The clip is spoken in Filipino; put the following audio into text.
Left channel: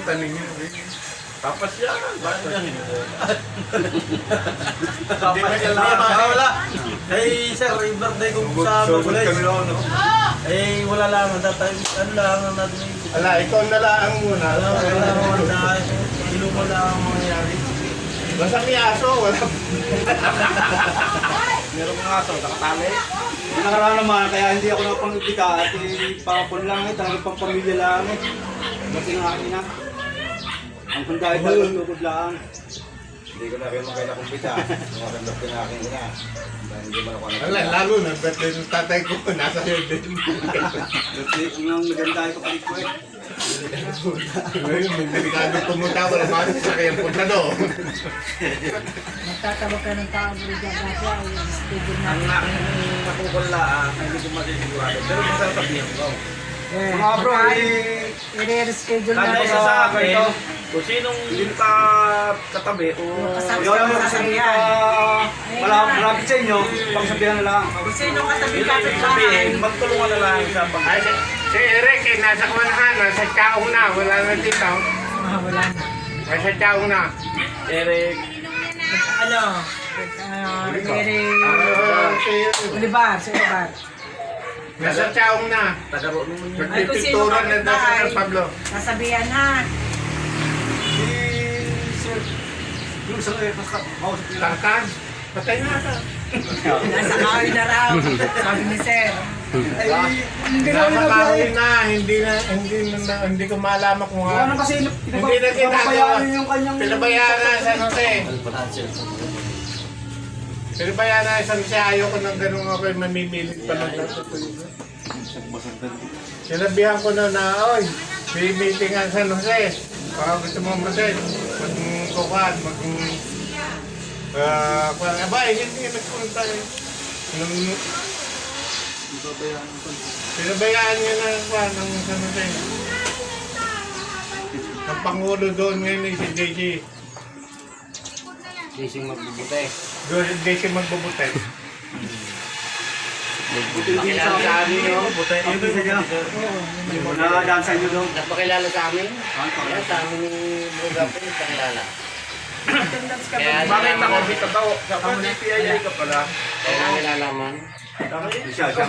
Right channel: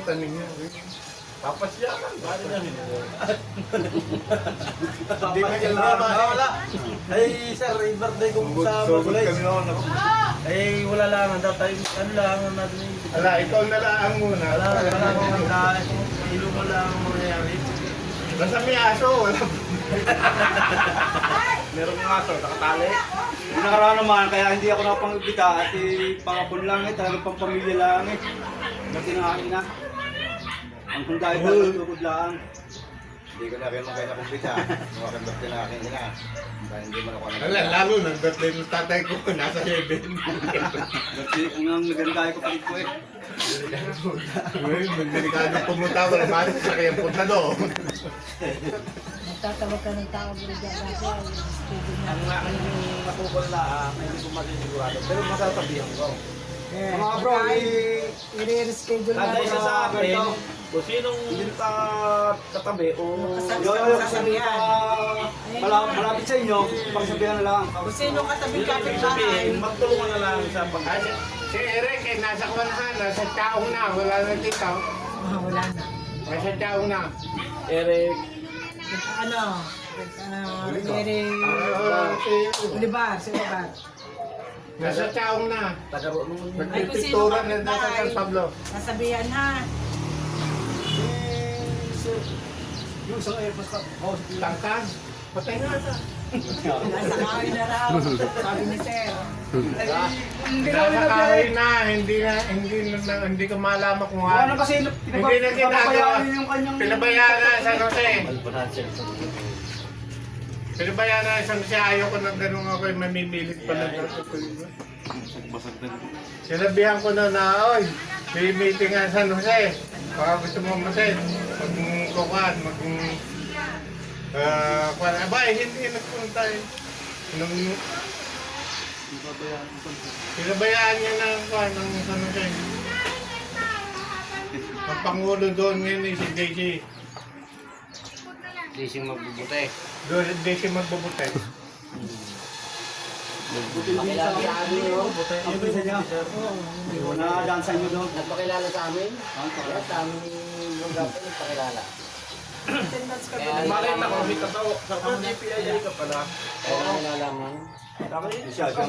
kalimutan ninyo. Papasyalan. Bakit yan? Papasyalan. Wala. Eh, sir, yung birthday ko sa Magulay. Eh, wala lang. Tatay, ano lang ang natin. Ala, ikaw na lang muna. Wala lang ang ilong mo lang ang mangyari. Basta may aso, wala. Merong aso, nakapangit. Yung nakaraan naman, kaya hindi ako napangipika at pangapon lang eh, talagang pangpamilya lang eh. Kasi akin na. Ang punta ay talagang tukod lang. Hindi ko na kayo magkakakumpita. Kung aking birthday na akin na. Dahil hindi mo na kung Ala, lalo na, birthday ng tatay ko, nasa heaven. Kasi ang naganda ay kapalit ko eh. Ngayon, magdelikado pumunta, wala masok sa kayang punta doon. Magtatawag ka ng tao pero dyan ay schedule Ang natin. aking nakukula, hindi ko masisigurado. Pero masarap sabihin ko. Eh, Mga bro, eh, i-reschedule kanya natin. isa sa akin, kung sinong yung katabi o Sasabihan. malapit sa inyo, pagsabihan na lang. Kung sino katabi-kapit Sabihin, bahay. magtulungan na lang sa Ay, si Eric, eh, nasa kuwanahan, nasa chaong na, wala na dito. Wala na. Nasa chaong na. Eric. Ano? Olivar, sa Olivar. Nasa chaong na. Tagaro nung Ay, kung sino Nagpipintura na daw sa kapitbahay. San Pablo. Sasabihan na. yung sa kayo, Tarkan, patay na nasa. Nasa kahoy na raw. Sabi ni Sir. Nasa kahoy na, hindi ko malaman kung ano kasi, Hindi na ginagawa. yung kanyang... Pinabayaan na sa Jose. Pinabayaan na sa Jose, ayoko nang ganun ako yung mamimilit pa lang. Sinabihan ko na oy, may meeting nga sa Jose. Baka gusto mo Jose, magkukuhan, hindi nagpunta eh. Pinabayaan niya na kuhan ng San Jose. Ang Pangulo doon ngayon ay si JJ. Sising magbubuti. JJ magbubuti. Pakilala sa amin, no? Yung doon sa dyan. Nakadansa nyo doon. Nagpakilala sa amin. Yan sa amin ni Bro Gapin, pakilala. Kaya Bakit nalaman nakabit namin. ka pa? Sa PIA ka pala. Kaya namin nalaman. Siya, siya